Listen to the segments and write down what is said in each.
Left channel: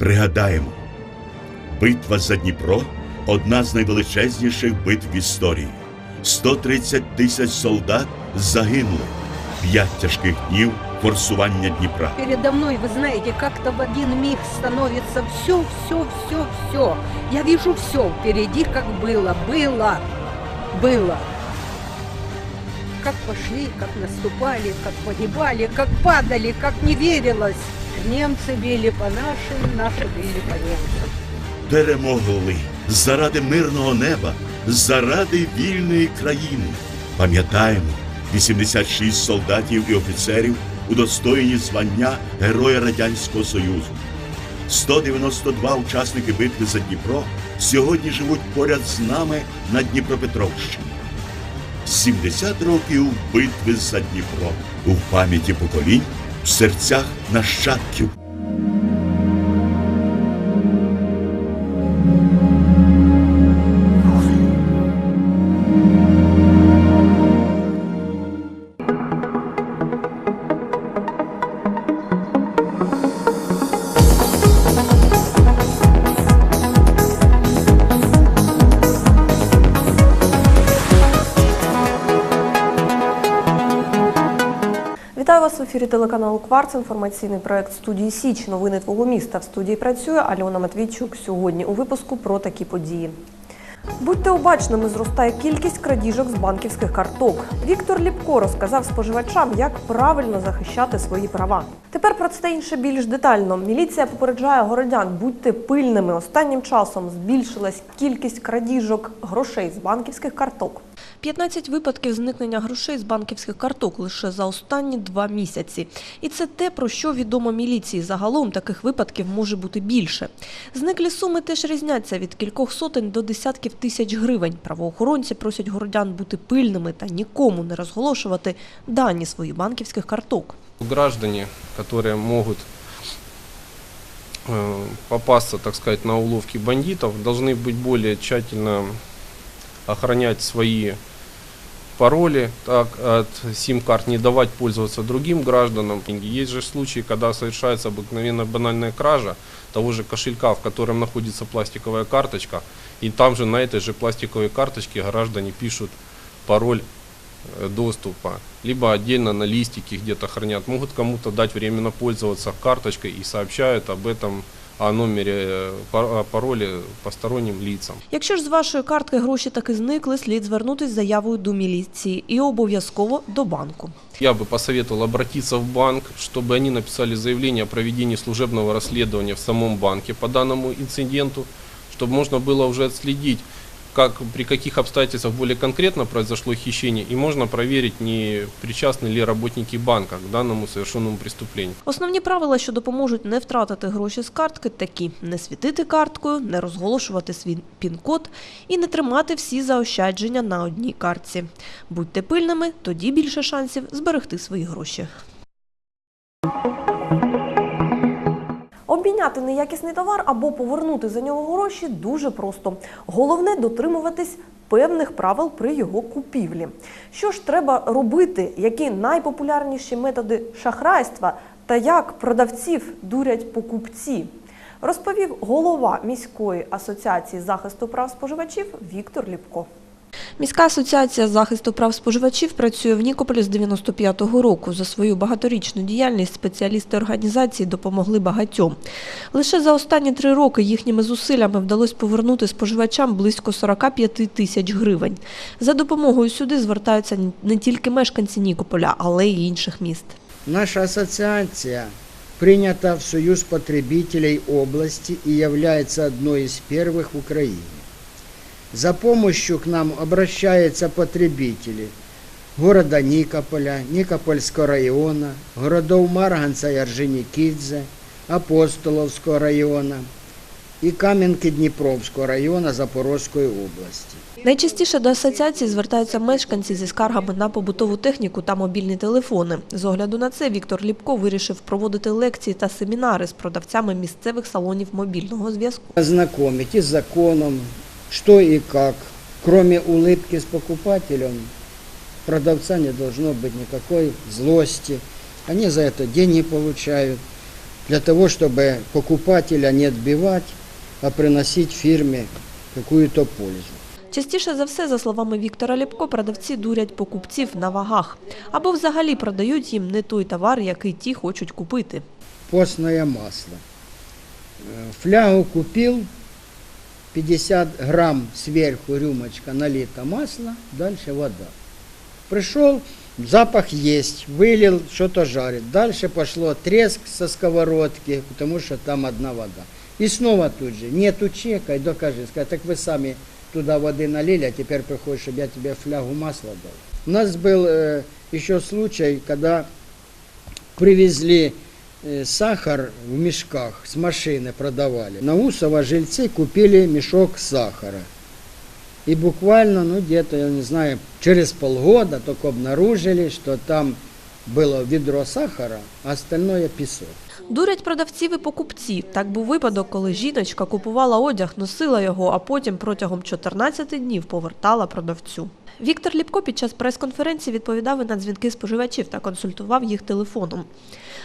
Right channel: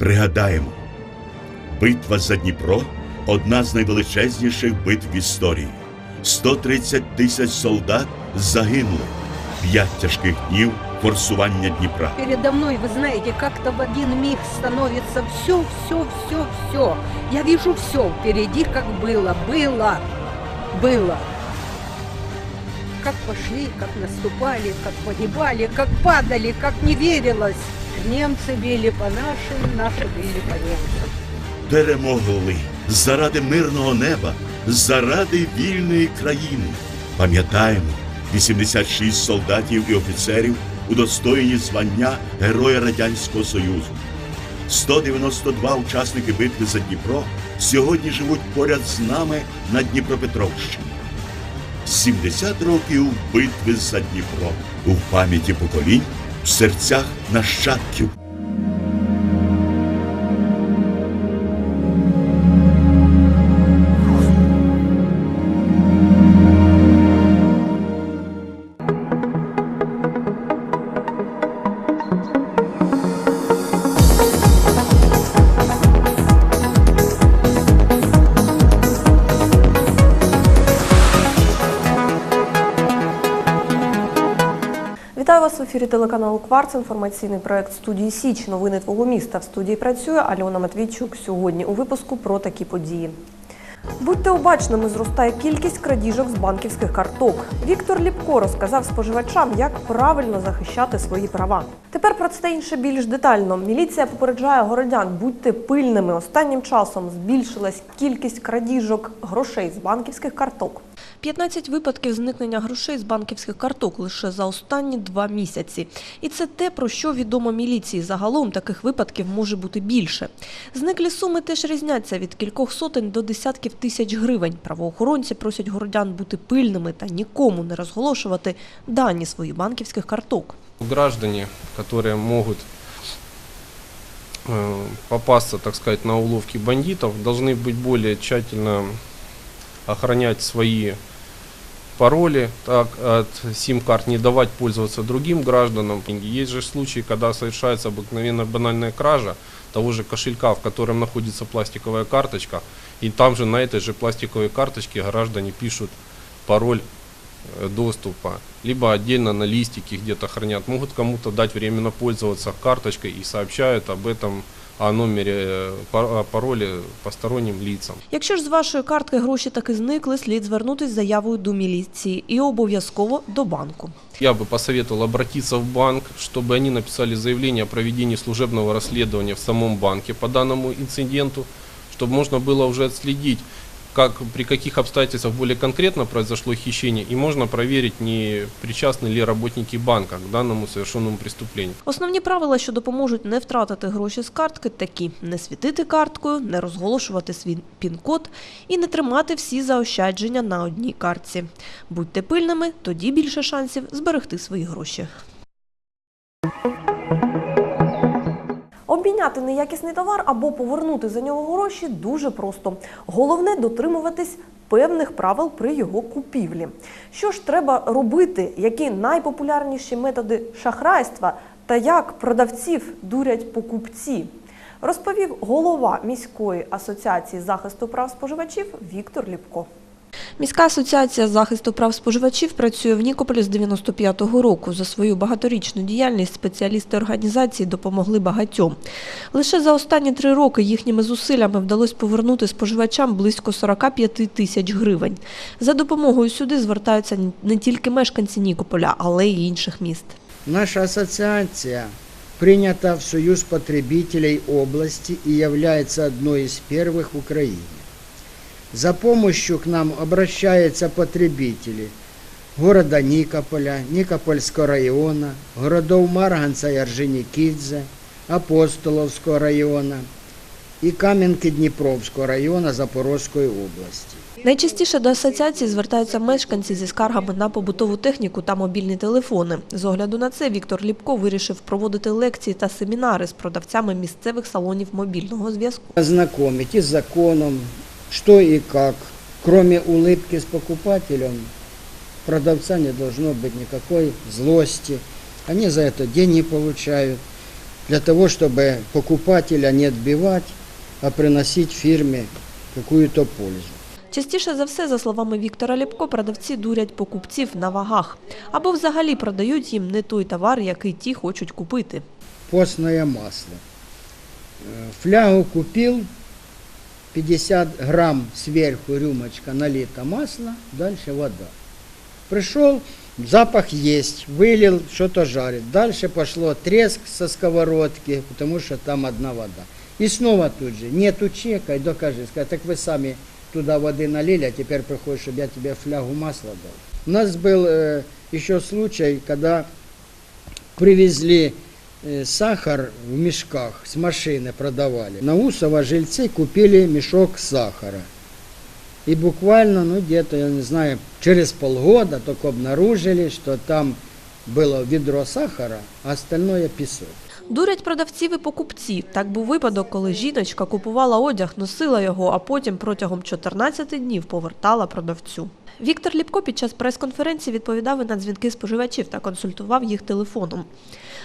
Пригадаємо, битва за Дніпро одна з найвеличезніших битв в історії. 130 тисяч солдат загинули. П'ять тяжких днів форсування Дніпра. Передо мной, вы знаете, как-то в один миг становится все, все, все, все. Я вижу все впереди, как было, было, было. Как пошли, как наступали, как погибали, как падали, как не верилось. Немцы били по нашим, наши били по немцам. Перемогли заради мирного неба, заради вільної країни. Пам'ятаємо, 86 солдатів і офіцерів удостоєні звання Героя Радянського Союзу. 192 учасники битви за Дніпро сьогодні живуть поряд з нами на Дніпропетровщині. 70 років битви за Дніпро у пам'яті поколінь, в серцях нащадків. Вас в ефірі телеканалу Кварц. Інформаційний проект студії Січ. Новини твого міста. В студії працює Альона Матвійчук. Сьогодні у випуску про такі події. Будьте обачними, зростає кількість крадіжок з банківських карток. Віктор Ліпко розказав споживачам, як правильно захищати свої права. Тепер про це інше більш детально. Міліція попереджає городян, будьте пильними. Останнім часом збільшилась кількість крадіжок грошей з банківських карток. 15 випадків зникнення грошей з банківських карток лише за останні два місяці. І це те, про що відомо міліції. Загалом таких випадків може бути більше. Зниклі суми теж різняться від кількох сотень до десятків тисяч гривень. Правоохоронці просять городян бути пильними та нікому не розголошувати дані своїх банківських карток. Граждане, которые могут э, попасться, так сказать, на уловки бандитов, должны быть более тщательно охранять свои пароли, так, от сим-карт не давать пользоваться другим гражданам. Есть же случаи, когда совершается обыкновенно банальная кража того же кошелька, в котором находится пластиковая карточка, и там же на этой же пластиковой карточке граждане пишут пароль э, доступа, либо отдельно на листике где-то хранят. Могут кому-то дать временно пользоваться карточкой и сообщают об этом, о номере, э, пар- о пароле посторонним лицам. Якщо ж з вашої картки гроші таки зникли, слід звернутися з заявою до міліції і обов'язково до банку. Я бы посоветовал обратиться в банк, чтобы они написали заявление о проведении служебного расследования в самом банке по данному инциденту, чтобы можно было уже отследить, как, при каких обстоятельствах более конкретно произошло хищение, и можно проверить, не причастны ли работники банка к данному совершенному преступлению. Основні правила, що допоможуть не втратити гроші з картки, такі: не світити карткою, не розголошувати свій пін-код і не тримати всі заощадження на одній картці. Будьте пильними, тоді більше шансів зберегти свої гроші. Обміняти неякісний товар або повернути за нього гроші дуже просто. Головне дотримуватись певних правил при його купівлі. Що ж треба робити? Які найпопулярніші методи шахрайства та як продавців дурять покупці? Розповів голова міської асоціації захисту прав споживачів Віктор Ліпко. Міська асоціація захисту прав споживачів працює в Нікополі з 95-го року. За свою багаторічну діяльність спеціалісти організації допомогли багатьом. Лише за останні три роки їхніми зусиллями вдалося повернути споживачам близько 45 тисяч гривень. За допомогою сюди звертаються не тільки мешканці Нікополя, але й інших міст. Наша ассоциация принята в Союз потребителей области и является одной из первых в Украине. За помощью к нам обращаются потребители города Никополя, Никопольского района, городов Марганца и Орджоникидзе, Апостоловского района и Каменки Днепровского района Запорожской области. Найчастіше до асоціації звертаються мешканці зі скаргами на побутову техніку та мобільні телефони. З огляду на це Віктор Ліпко вирішив проводити лекції та семінари з продавцями місцевих салонів мобільного зв'язку. ознакомить и с законом, что и как. Кроме улыбки с покупателем, продавца не должно быть никакой злости. Они за это деньги получают. для того, чтобы покупателя не отбивать, а приносить фирме какую-то пользу. Частіше за все, за словами Віктора Ліпко, продавці дурять покупців на вагах або взагалі продають їм не той товар, який ті хочуть купити. Постное масло. Э, Флягу купил, 50 грамм сверху рюмочка налито масла, дальше вода. Пришел, запах есть, вылил, что-то жарит. Дальше пошло треск со сковородки, потому что там одна вода. И снова тут же, нету чека, и докажи, сказать, так вы сами туда воды налили, а теперь приходишь, чтобы я тебе флягу масла дал. У нас был э, еще случай, когда привезли сахар в мешках с машины продавали. На Усово жильцы купили мешок сахара. И буквально, ну где-то, я не знаю, через полгода только обнаружили, что там было ведро сахара, а остальное песок. Дурять продавців і покупці. Так був випадок, коли жіночка купувала одяг, носила його, а потім протягом 14 днів повертала продавцю. Віктор Ліпко під час прес-конференції відповідав і на дзвінки споживачів та консультував їх телефоном.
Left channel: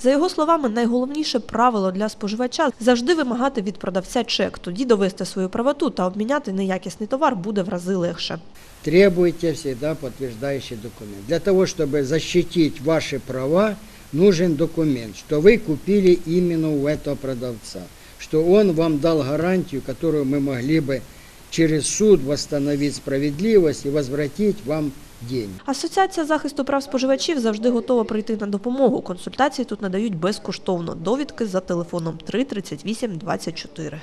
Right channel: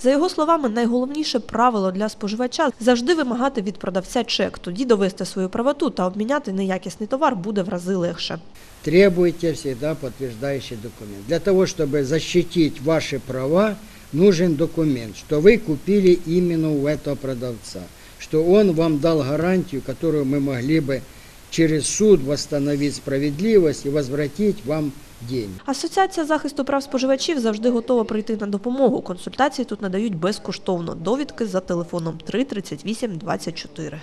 За його словами, найголовніше правило для споживача завжди вимагати від продавця чек, тоді довести свою правоту та обміняти неякісний товар буде в рази легше. Требуйте всегда подтверждающий документ. Для того, чтобы защитить ваши права, нужен документ, что вы купили именно у этого продавца, что он вам дал гарантию, которую мы могли бы через суд восстановить справедливость и возвратить вам деньги. Асоціація захисту прав споживачів завжди готова прийти на допомогу. Консультації тут надають безкоштовно. Довідки за телефоном 3 38 24.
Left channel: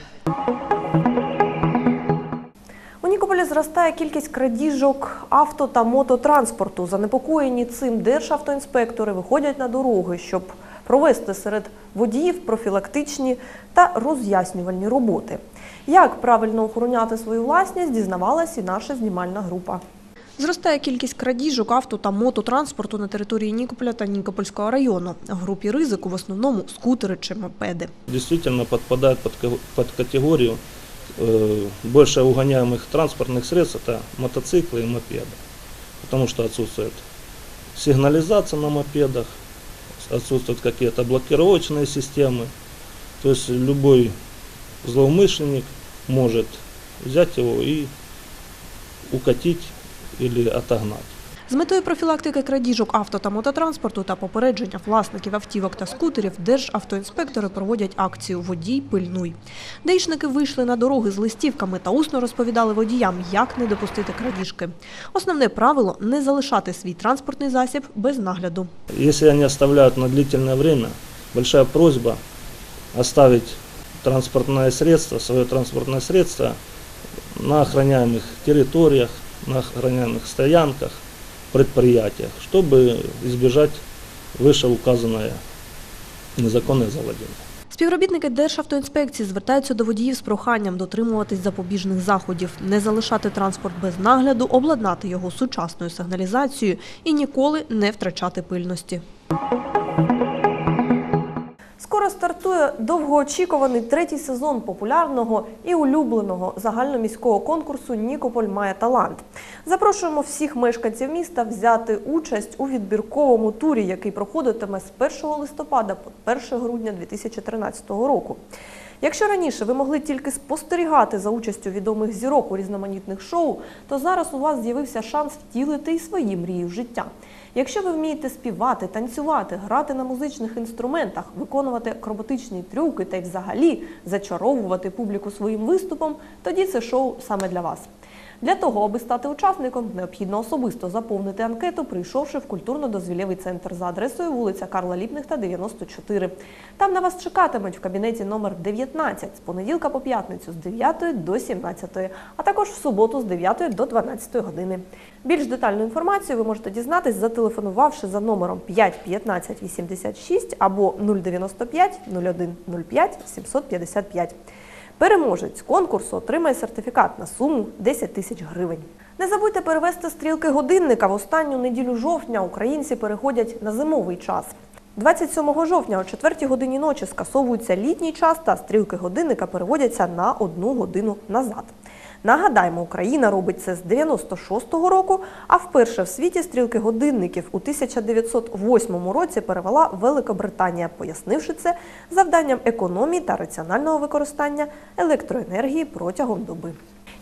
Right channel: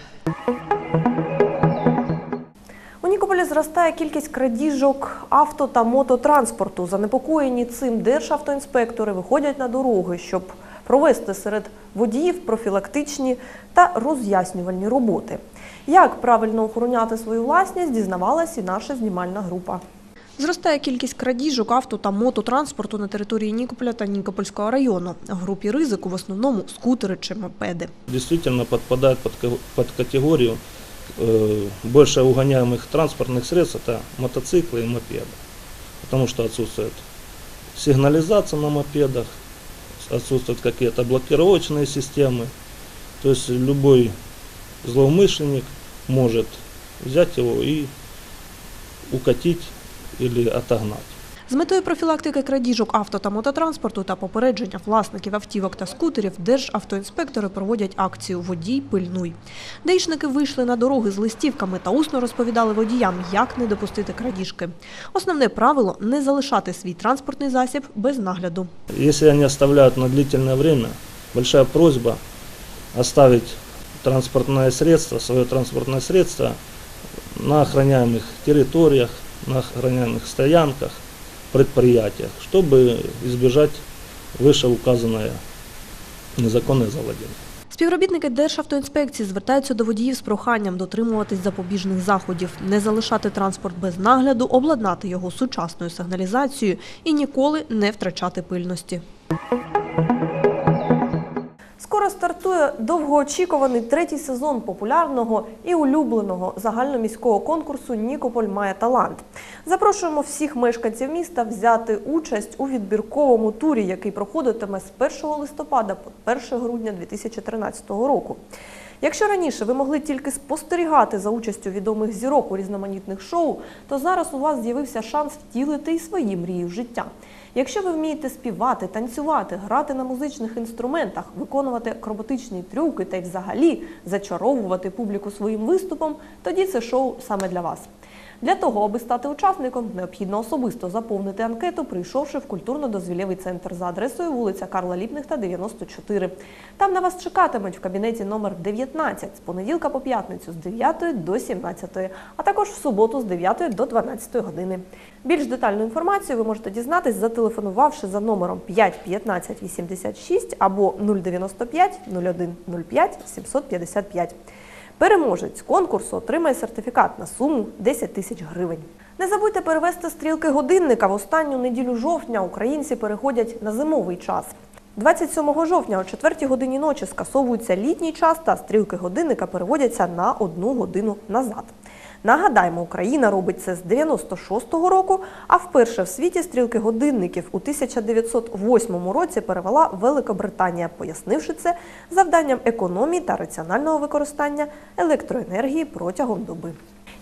У зростає кількість крадіжок авто та мототранспорту. Занепокоєні цим державтоінспектори виходять на дороги, щоб провести серед водіїв профілактичні та роз'яснювальні роботи. Як правильно охороняти свою власність, дізнавалась і наша знімальна група. Зростає кількість крадіжок авто та мототранспорту на території Нікополя та Нікопольського району. В групі ризику в основному скутери чи мопеди. действительно подпадают под, ка- под категорию э, больше угоняемых транспортных средств, это мотоциклы и мопеды. Потому что отсутствует сигнализация на мопедах, отсутствуют какие-то блокировочные системы. То есть любой злоумышленник может взять его и укатить или отогнать. З метою профілактики крадіжок авто та мототранспорту та попередження власників автівок та скутерів державтоінспектори проводять акцію Водій пильнуй. Даїшники вийшли на дороги з листівками та усно розповідали водіям, як не допустити крадіжки. Основне правило не залишати свій транспортний засіб без нагляду. Если они оставляют на длительное время, большая просьба оставить транспортное средство, свое транспортное средство на охраняемых территориях, на охраняемых стоянках, предприятиях, чтобы избежать вышеуказанное незаконное завладение. Співробітники Державтоінспекції звертаються до водіїв з проханням дотримуватись запобіжних заходів, не залишати транспорт без нагляду, обладнати його сучасною сигналізацією і ніколи не втрачати пильності. Стартує довгоочікуваний третій сезон популярного і улюбленого загальноміського конкурсу Нікополь має талант. Запрошуємо всіх мешканців міста взяти участь у відбірковому турі, який проходитиме з 1 листопада по 1 грудня 2013 року. Якщо раніше ви могли тільки спостерігати за участю відомих зірок у різноманітних шоу, то зараз у вас з'явився шанс втілити і свої мрії в життя. Якщо ви вмієте співати, танцювати, грати на музичних інструментах, виконувати акробатичні трюки та й взагалі зачаровувати публіку своїм виступом, тоді це шоу саме для вас. Для того, аби стати учасником, необхідно особисто заповнити анкету, прийшовши в культурно-дозвілєвий центр за адресою вулиця Карла Ліпнихта, 94. Там на вас чекатимуть в кабінеті номер 19 з понеділка по п'ятницю з 9 до 17, а також в суботу з 9 до 12 години. Більш детальну інформацію ви можете дізнатись, зателефонувавши за номером 5 15 86 або 095 01 05 755. Переможець конкурсу отримає сертифікат на суму 10 тисяч гривень. Не забудьте перевести стрілки годинника. В останню неділю жовтня українці переходять на зимовий час. 27 жовтня о 4 годині ночі скасовується літній час та стрілки годинника переводяться на одну годину назад. Нагадаємо, Україна робить це з 96-го року, а вперше в світі стрілки годинників у 1908 році перевела Великобританія, пояснивши це завданням економії та раціонального використання електроенергії протягом доби.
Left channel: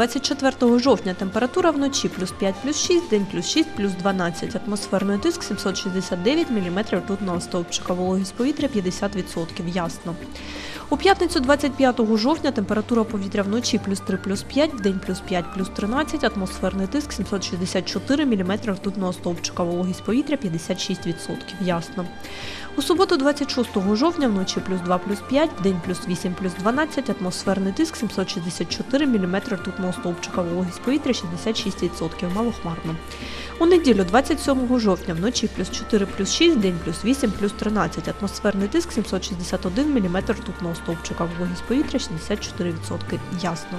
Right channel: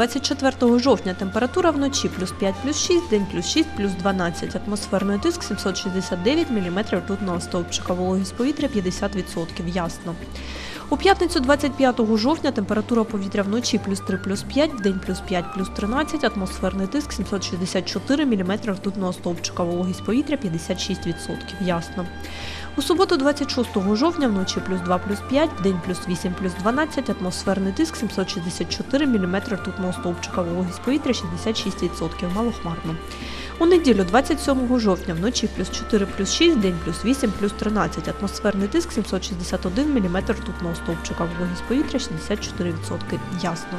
24 жовтня, температура вночі плюс 5, плюс 6, день плюс 6, плюс 12. Атмосферний тиск 769 мм ртутного стовпчика. Вологість повітря 50%. Ясно. У п'ятницю 25 жовтня температура повітря вночі плюс 3, плюс 5, день плюс 5, плюс 13. Атмосферний тиск 764 мм ртутного стовпчика. Вологість повітря 56%. Ясно. У суботу 26 жовтня вночі плюс 2 плюс 5, день плюс 8 плюс 12, атмосферний тиск 764 мм ртутного стовпчика, вологість повітря 66%, малохмарно. У неділю 27 жовтня вночі плюс 4 плюс 6, день плюс 8 плюс 13, атмосферний тиск 761 мм ртутного стовпчика, вологість повітря 64%, ясно.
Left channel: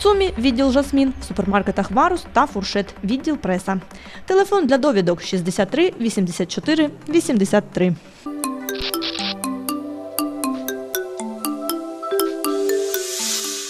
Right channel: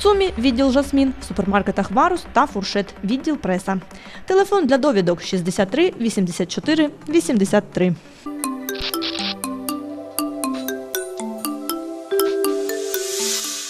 В ЦУМі відділ Жасмін, в супермаркетах Варус та Фуршет, відділ преса. Телефон для довідок 63 84 83.